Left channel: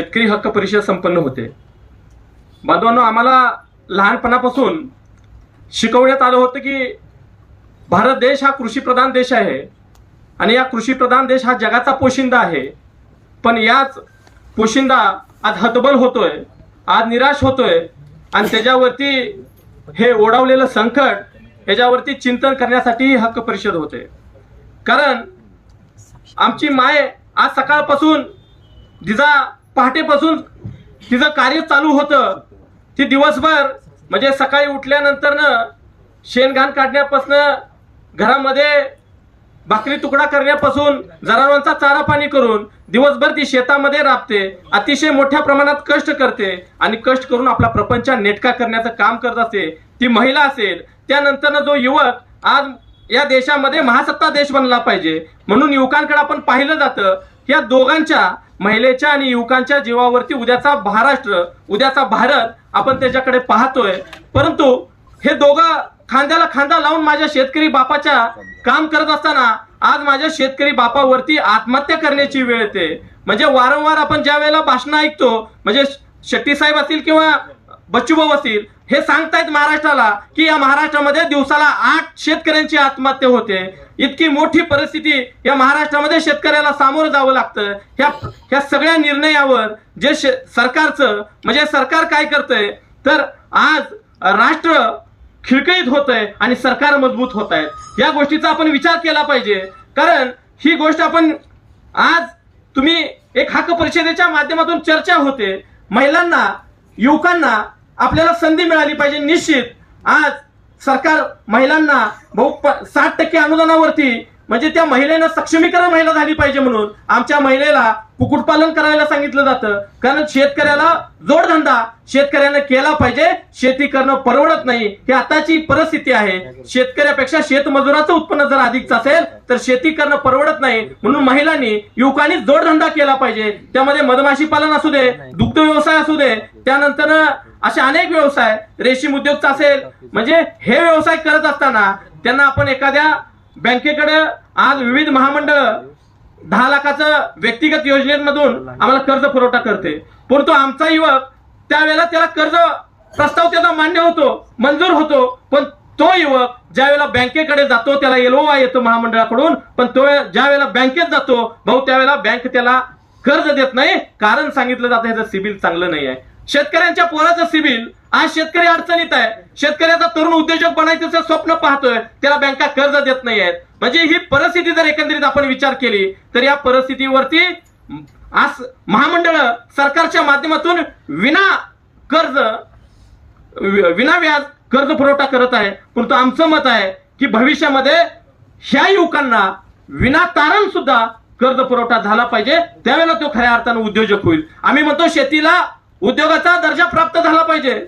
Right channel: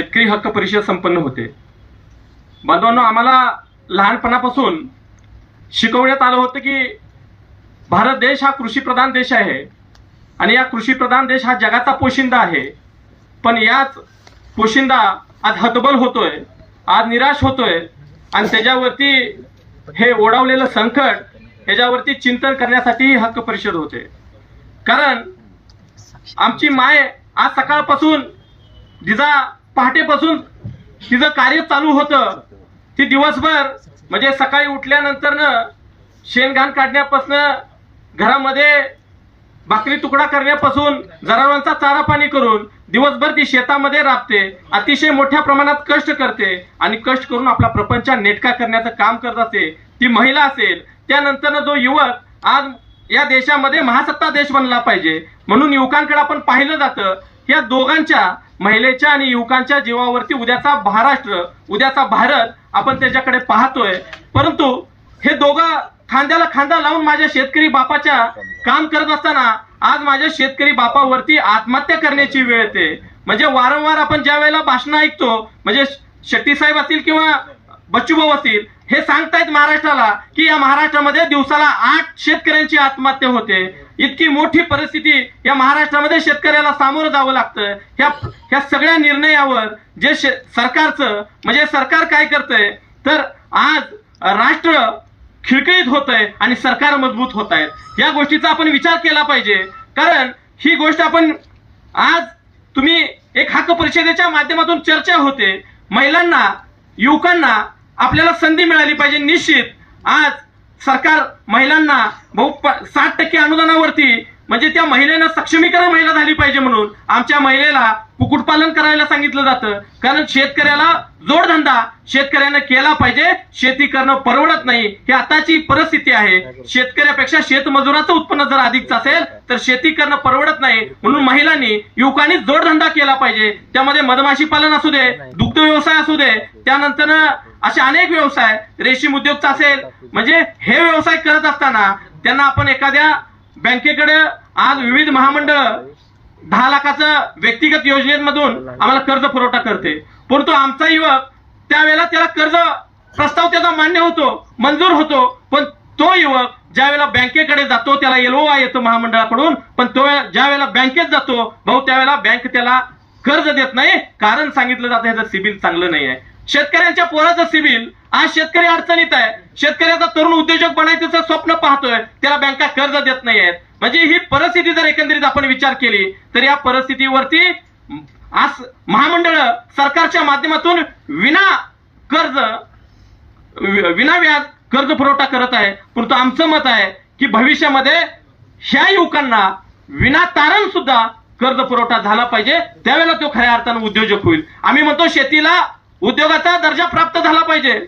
शेतकरी हक्क परिषद संपन्न होते. बांधवांनो आम्हाला लहानपणापासून शिकवण्यात आलं होतं की भारत देश हा कृषीप्रधान देश आहे आणि या कृषीप्रधान देश हा जगाचा पोशिंदा आहे. पण याच पोशिंदा आज हतबल होतोय आज निराश होतोय आणि त्याच्यावरती हे ओढावलेलं संकट ह्याच्यावरती चिंतन करण्यासाठीही हक्क परिषद होते. कारण आमची माय आज सकाळपासून जिजा पहाटेपासून तिचं कार्य चालू होतं. ती दिवसभर म्हणजे सकाळी उठल्यानंतरनं शेणघाण काढण्यापासून घरामध्ये भाकरी तुकडा करण्यापासून जनावरांचा चारा पाणी करून दिवसभर ती शेतामध्ये राबते. अतिशय मोठ्या प्रमाणात कष्ट करते आणि कष्ट करून आपला प्रपंच नेटका करण्याचं काम करत असते. ती महिला असेल त्यानंतर जो युवक आज या देशामध्ये महासत्ता देश बनला पाहिजे. म्हणून युवकांकडे आपण पाहिलं जातं या दोघांच्या महिलेच्या आणि युवकांच्या जीवावरती उद्याचा महाराष्ट्र उद्याचा भारत आपण त्याच्याकडे पाहतोय. परंतु हे दोघं खांद्याला खांदा लावून माझ्या शेतकरी बापाच्या काम करत असताना आज माझ्या शेतकरी बापावरती आत्महत्या करण्याची वेळ येते. म्हणजे वारंवार आपण ज्या वेळेला भाषण ऐकतो म्हणजे शेट्टी साहेब असतील किंवा बच्चूभाऊ असतील हे सांगतायत महाराष्ट्राला की या महाराष्ट्रामध्ये दिवसाला आठ शेतकऱ्यांची आत्महत्या होते. इतकी मोठी परिस्थिती या महाराष्ट्रामध्ये शेतकऱ्याला सामोरं जावं लागतं. ह्या ह्या सगळ्या निर्णयावर जे शे- सरकारचं म्हणजे सरकार काय करतंय तर आज राष्ट्र खिळकळीत होत आहे आणि सरकार मजबूत होत आहेत या गोष्टीचा आपण विचार केला पाहिजे. कारण ही गोष्ट आपण आज तुम्ही एक हक्क परिषदेच्या माध्यमातून चर्चा होते. महिलांना युवकांना आपल्याला संधी मिळाली पाहिजे निश्चित. आज सरकार महिलांना बहु प- साठ टक्के अनुदानावरती म्हणजे त्या महिलेनं सक्षमीकरण महिला झाली पाहिजे म्हणून आमच्या महिलेला कुक्कुटपालन करायला सांगितलं जातं. कारण शेतकऱ्याला जोडधंदा शेतकऱ्यानं केला पाहिजे शेती करणं परवडत नाही. ही आताची परिस्थिती आहे. शेतकऱ्यापेक्षा शेतमजुराचं उत्पन्न जर अधिकच असेल तर शेती करणं परवडत नाही. म्हणून महिलांनी युवकांनी जोडधंदा केला पाहिजे. त्यामध्ये मधमाशी पालन असू दे दुग्ध व्यवसाय असू दे त्यानंतर असे अनेक व्यवसाय रेशीम उद्योगचा असेल. म्हणजे हे व्यवसाय करत असताना त्यांना आपण एखाद्या बँकेकडे आज विविध महामंडळ दहा लाखाचं व्यक्तिगत योजनेमधून आम्हाला कर्ज पुरवठा करते. परंतु आमचा युवक त्यावेळेला त्याला कर्ज प्रस्ताव त्याचा मान्य होतो मंजूर होतो पण तो युवक ज्या वेळेला बँकेकडे जातो त्याला एलओआ येतो महामंडळाकडून पण तो ज्या वेळेला बँकेत जातो भाऊ त्यावेळेला बँक त्याला कर्ज देत नाही कारण सांगितलं जातं ह्याचं सिबिल चांगलं नाही आहे. शेतकऱ्यांच्या पोराचं सिबिल आज शेतकरी अडचणीत आहे. शेतकऱ्याचा तरुण उद्योजक बनायचं स्वप्न पाहतोय त्याला बँका कर्ज देत नाही आहेत म्हणजे ही परिस्थिती जर एकंदरीत आपण विचार केली तर या परिस्थितीवरती आज महामंडळ सरकारच्या माध्यमातून विना कर्ज विना व्याज कर्ज पुरवठा करत आहे. परंतु आमचं मत आहे की भविष्यामध्ये ह्या युवकांना विना तारण सुद्धा कर्ज पुरवठा झाला पाहिजे. त्यावेळेला तो खऱ्या अर्थानं उद्योजक होईल. आम्ही म्हणतो शेतीला उद्योगाचा दर्जा प्राप्त झाला पाहिजे.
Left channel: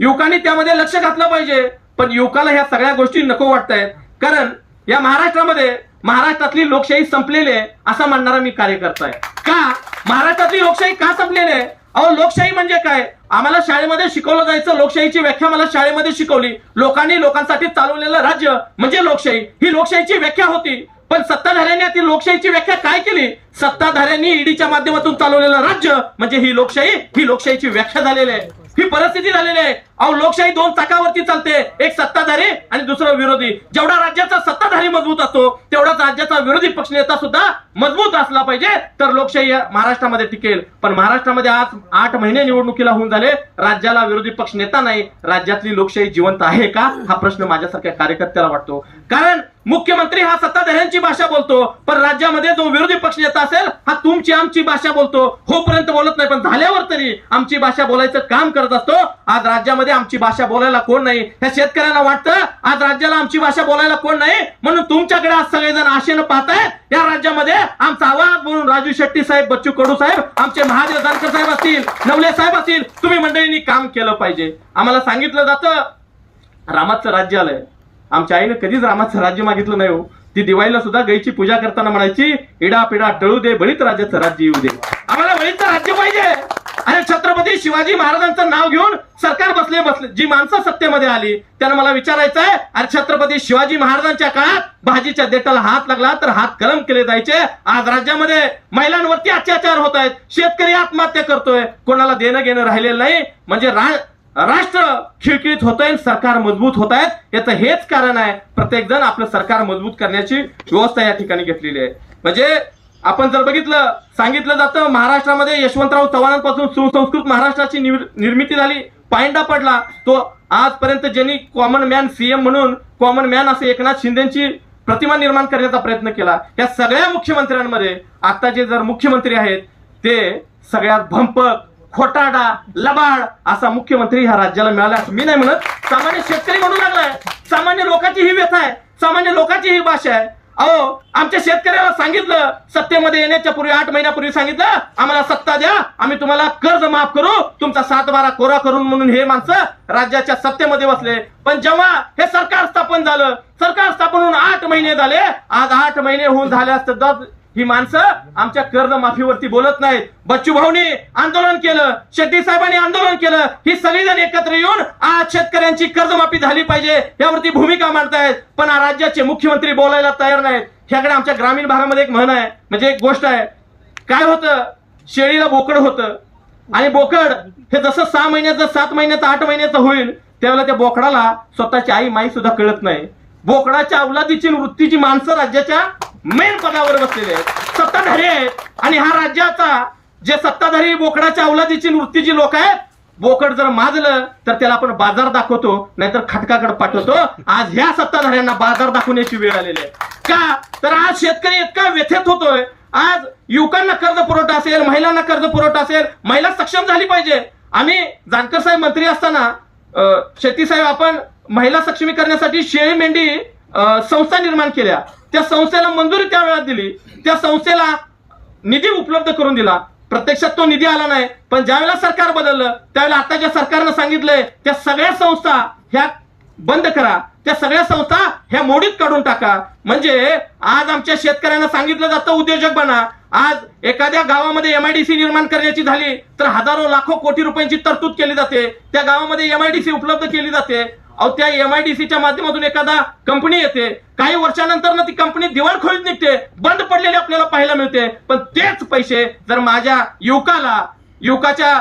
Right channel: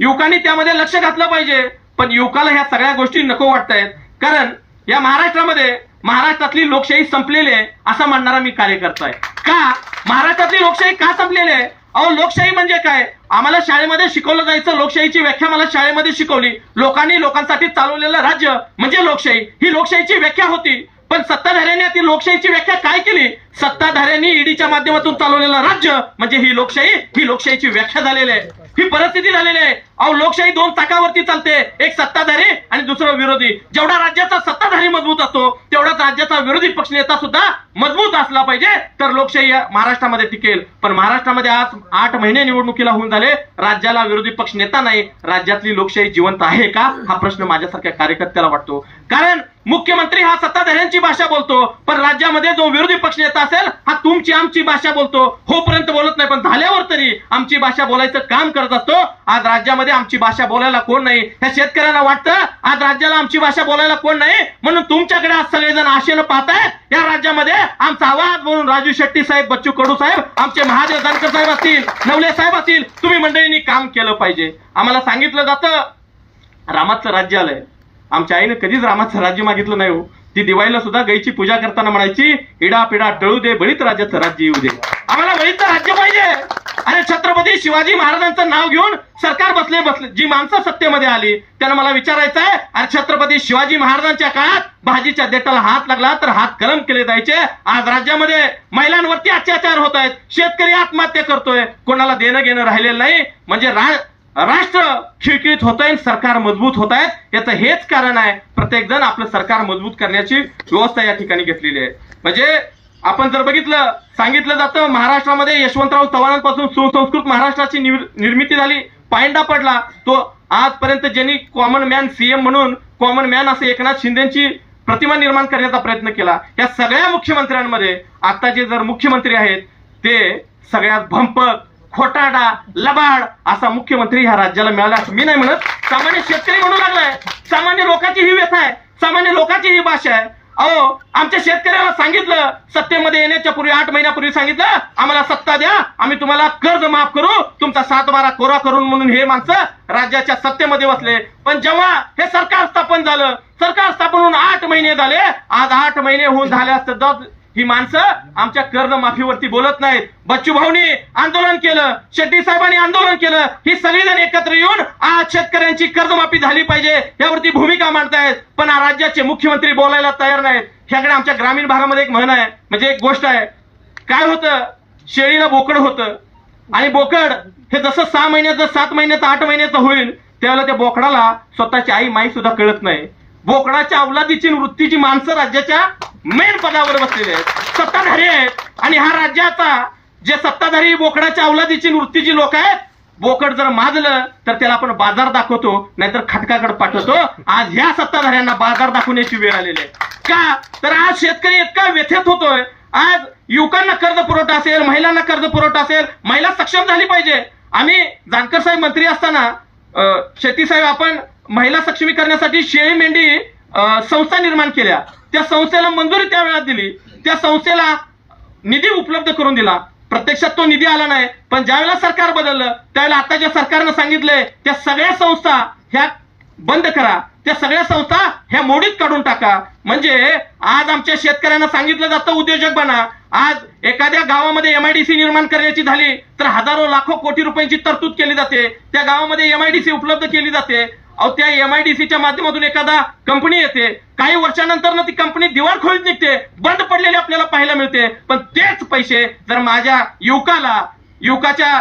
युवकांनी त्यामध्ये लक्ष घातलं पाहिजे. पण युवकाला ह्या सगळ्या गोष्टी नको वाटत आहेत कारण या महाराष्ट्रामध्ये महाराष्ट्रातली लोकशाही संपलेली आहे असं म्हणणारा मी कार्यकर्ता आहे. का? महाराष्ट्रातली लोकशाही का संपलेली आहे? अहो लोकशाही म्हणजे काय? आम्हाला शाळेमध्ये शिकवलं जायचं लोकशाहीची व्याख्या मला शाळेमध्ये शिकवली. लोकांनी लोकांसाठी चालवलेलं राज्य म्हणजे लोकशाही. ही लोकशाहीची व्याख्या होती. पण सत्ताधाऱ्यांनी ती लोकशाहीची व्याख्या काय केली? सत्ताधाऱ्यांनी ईडीच्या माध्यमातून चालवलेलं राज्य म्हणजे ही लोकशाही ही लोकशाहीची व्याख्या झालेली आहे. ही परिस्थिती झालेली आहे. अहो लोकशाही दोन चाकावरती चालते. एक सत्ताधारी आणि दुसरं विरोधी. जेवढा राज्याचा सत्ताधारी मजबूत असतो तेवढाच राज्याचा विरोधी पक्ष नेता सुद्धा मजबूत असला पाहिजे तर लोकशाही महाराष्ट्रामध्ये टिकेल. पण महाराष्ट्रामध्ये आज आठ महिने निवडणुकीला होऊन झाले. राज्याला विरोधी पक्ष नेता नाही. राज्यातली लोकशाही जिवंत आहे का? हा प्रश्न माझ्यासारख्या कार्यकर्त्याला वाटतो. कारण मुख्यमंत्री हा सत्ताधाऱ्यांची भाषा बोलतो पण राज्यामध्ये जो विरोधी पक्ष नेता असेल हा तुमची आमची भाषा बोलतो. होपर्यंत बोलत नाही पण झाल्यावर तरी आमची भाषा बोलायचं काम करत असतो. आज राज्यामध्ये आमची भाषा बोलायला कोण नाही? ह्या शेतकऱ्यांना वाटतं आज राज्याला आमची भाषा बोलायला कोण नाही? म्हणून तुमच्याकडे आज सगळेजण आशेनं पाहताय या राज्यामध्ये आमचा आवाज म्हणून राजू शेट्टी साहेब बच्चू कडू साहेब आमचे महादेव जानकर साहेब असतील नवले साहेब असतील तुम्ही मंडळींनी काम केलं पाहिजे. आम्हाला सांगितलं जातं रामाचं राज्य आलंय आमच्या आईने कधीच रामाचं राज्य मागितलं नाही हो. ती दिवाळीला सुद्धा गायची पूजा करताना म्हणायची इडा पिडा टळू दे बळीत राज्याचं राज्य येऊ दे. आम्हाला बळीचं राज्य पाहिजे. अरे छत्रपती शिवाजी महाराजांचं नाव घेऊन सरकार बसले बसले. जी माणसं सत्तेमध्ये आली त्यांना मला विचारायचं आहे अरे छत्रपती शिवाजी महाराजांच्या काळात भाजीच्या देठाला हात लागला तर हात गरम केले जायचे आज राज्यामध्ये महिलांवरती अत्याचार होत आहेत. शेतकरी आत्महत्या करतोय. कोणाला देणं घेणं राहिलेलं नाही. म्हणजे रा- राष्ट्र खिळखिळीत होत आहे सरकार मजबूत होत आहेत याचं हेच कारण आहे प्रत्येक जण आपलं सरकार मजबूत करण्याची व्यवस्था या ठिकाणी घेतलेली आहे. म्हणजे आपण जर बघितलं सांगितलं जातं महाराष्ट्रामध्ये यशवंतराव चव्हाणांपासून सुसंस्कृत महाराष्ट्राची निर्मिती झाली. पायंडा पडला. तो आजपर्यंत ज्यांनी कॉमन मॅन सीएम म्हणून कॉमन मॅन असे एकनाथ शिंदेची प्रतिमा निर्माण करण्याचा प्रयत्न केला. या सगळ्या मुख्यमंत्र्यांमध्ये आता जे जर मुख्यमंत्री आहेत ते सगळ्यात भंपक खोटाडा लबाड असा मुख्यमंत्री ह्या राज्याला मिळाला असं मी नाही म्हणत. सामान्य शेतकरी म्हणू लागलाय. सामान्य लोकांची ही व्यथा आहे. सामान्य लोकांची ही भाषा आहे. अहो आमच्या शेतकऱ्याला सांगितलं सत्तेमध्ये येण्याच्या पूर्वी आठ महिन्यापूर्वी सांगितलं आम्हाला सत्ता द्या आम्ही तुम्हाला कर्ज माफ करू तुमचा सात बारा कोरा करून म्हणून हे माणसं राज्याच्या सत्तेमध्ये बसले. पण जेव्हा हे सरकार स्थापन झालं सरकार स्थापन होऊन आठ महिने झाले आज आठ महिने होऊन झाले असतं. दस ही माणसं आमच्या कर्जमाफीवरती बोलत नाहीत. बच्चू भाऊनी आंदोलन केलं शेट्टी साहेबांनी आंदोलन केलं ही सगळीजण एकत्र येऊन आज शेतकऱ्यांची कर्जमाफी झाली पाहिजे यावरती भूमिका मांडतायत. पण राज्याचे मुख्यमंत्री बोलायला तयार नाहीत. ह्याकडे आमच्या ग्रामीण भागामध्ये एक म्हण आहे म्हणजे एक गोष्ट आहे. काय होतं? शेळीला बोकड होतं. आणि बोकड हे जसं सहा महिन्याचं सात महिन्याचं आठ महिन्याचं होईल त्यावेळेला त्या बोकडाला स्वतःची आई माई सुद्धा कळत नाही. बोकडाच्या अवलादीची वृत्तीची माणसं राज्याच्या मेन पदावर बसलेले आहेत. सत्ताधारी आहेत. आणि हा राज्याचा जे सत्ताधारी बोकडाच्या अवलादीची वृत्तीची लोक आहेत बोकड जर माजलं तर त्याला आपण बाजार दाखवतो नाहीतर खटकाकडे पाठवतो. आज ह्या सत्ताधाऱ्यांना बाजार दाखवण्याची वेळ आलेली आहे. का? तर आज शेतकरी इतका व्यथित होतोय. आज युवकांना कर्ज पुरवठा असेल महिलांना कर्ज पुरवठा असेल महिला सक्षम झाली पाहिजे. आम्ही जानकर साहेब मंत्री असताना अं, साहेब आपण महिला सक्षमीकरणासाठी शेळी मेंढी संस्था निर्माण केल्या. त्या संस्थेला मंजुरी त्या वेळात दिली. त्या संस्थेला निधी उपलब्ध करून दिला. प्रत्यक्षात तो निधी आला नाही पण ज्यावेळेला सरकार बदललं त्यावेळेला आताच्या सरकारनं सांगितलंय त्या सगळ्या संस्था ह्या बंद करा. त्या सगळ्या संस्था ह्या मोडीत काढून टाका. म्हणजे आज आमच्या शेतकऱ्यांना सांगितलं जातं उद्योजक बना. आज एखाद्या गावामध्ये एमआयडीसी निर्माण करण्याची झाली तर हजारो लाखो कोटी रुपयांची तरतूद केली जाते. त्या गावामध्ये एमआयडीसी उपलब्ध केली जाते. अहो त्या एमआयडीसीच्या माध्यमातून एखादा कंपनी येते काही वर्षानंतर ना ती कंपनी दिवाळखोरीत निघते बंद पडलेली आपल्याला पाहायला मिळते. पण तेच पैसे जर माझ्या युवकाला युवकाच्या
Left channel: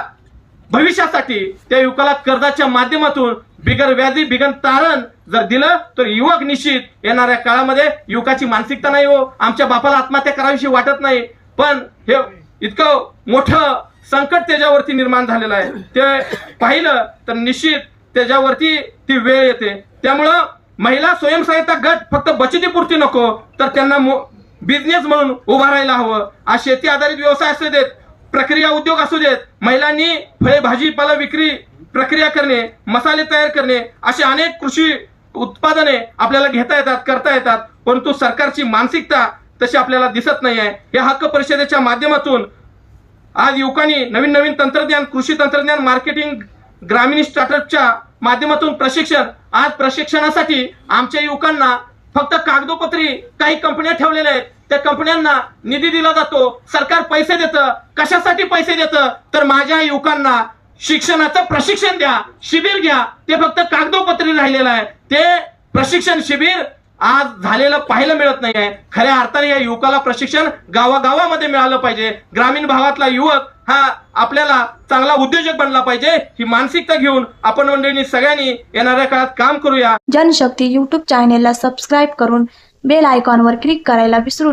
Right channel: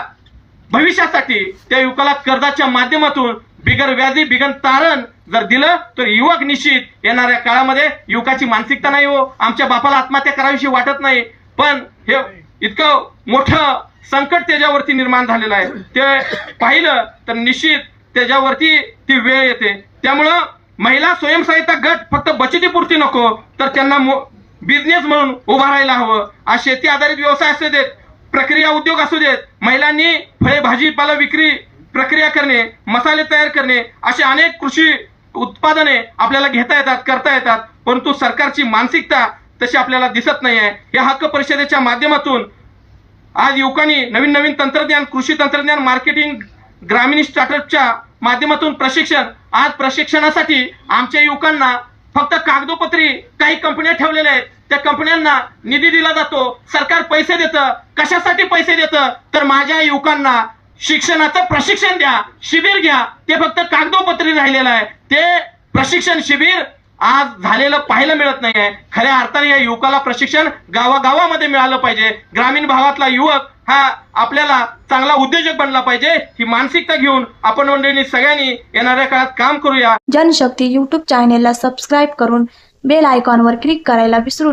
भविष्यासाठी त्या युवकाला कर्जाच्या माध्यमातून बिगर व्याजी बिगर तारण जर दिलं तर युवक निश्चित येणाऱ्या काळामध्ये युवकाची मानसिकता नाही हो. आमच्या बापाला आत्महत्या करावीशी वाटत नाही. पण हे इतकं मोठं संकट त्याच्यावरती निर्माण झालेलं आहे. ते पाहिलं तर निश्चित त्याच्यावरती ती वेळ येते. त्यामुळं महिला स्वयंसहायता गट फक्त बचतीपुरती नको तर त्यांना बिझनेस म्हणून उभा राहायला हवं. आज शेती आधारित व्यवसाय असू देत प्रक्रिया उद्योग असू देत महिलांनी फळे भाजीपाला विक्री प्रक्रिया करणे मसाले तयार करणे असे अनेक कृषी उत्पादने आपल्याला घेता येतात करता येतात. परंतु सरकारची मानसिकता तशी आपल्याला दिसत नाही आहे या हक्क परिषदेच्या माध्यमातून आज युवकांनी नवीन नवीन तंत्रज्ञान कृषी तंत्रज्ञान मार्केटिंग ग्रामीण स्टार्टअपच्या माध्यमातून प्रशिक्षण आज प्रशिक्षणासाठी आमच्या युवकांना फक्त कागदोपत्री काही कंपन्या ठेवलेल्या आहेत. त्या कंपन्यांना निधी दिला जातो सरकार पैसे देतं. कशासाठी पैसे देतं? तर माझ्या युवकांना शिक्षणाचं प्रशिक्षण द्या शिबिर घ्या. ते फक्त कागदोपत्री राहिलेलं आहे. ते प्रशिक्षण शिबिर आज झालेलं पाहायला मिळत नाहीये. खऱ्या अर्थाने या युवकाला प्रशिक्षण गावागावामध्ये मिळालं पाहिजे. ग्रामीण भागातला युवक हा आपल्याला चांगला उद्योजक बनला पाहिजे ही मानसिकता घेऊन आपण मंडळींनी सगळ्यांनी येणाऱ्या काळात काम करूया. जनशक्ती युट्यूब चॅनेलला सबस्क्राईब करून बेल आयकॉनवर क्लिक करायला विसरू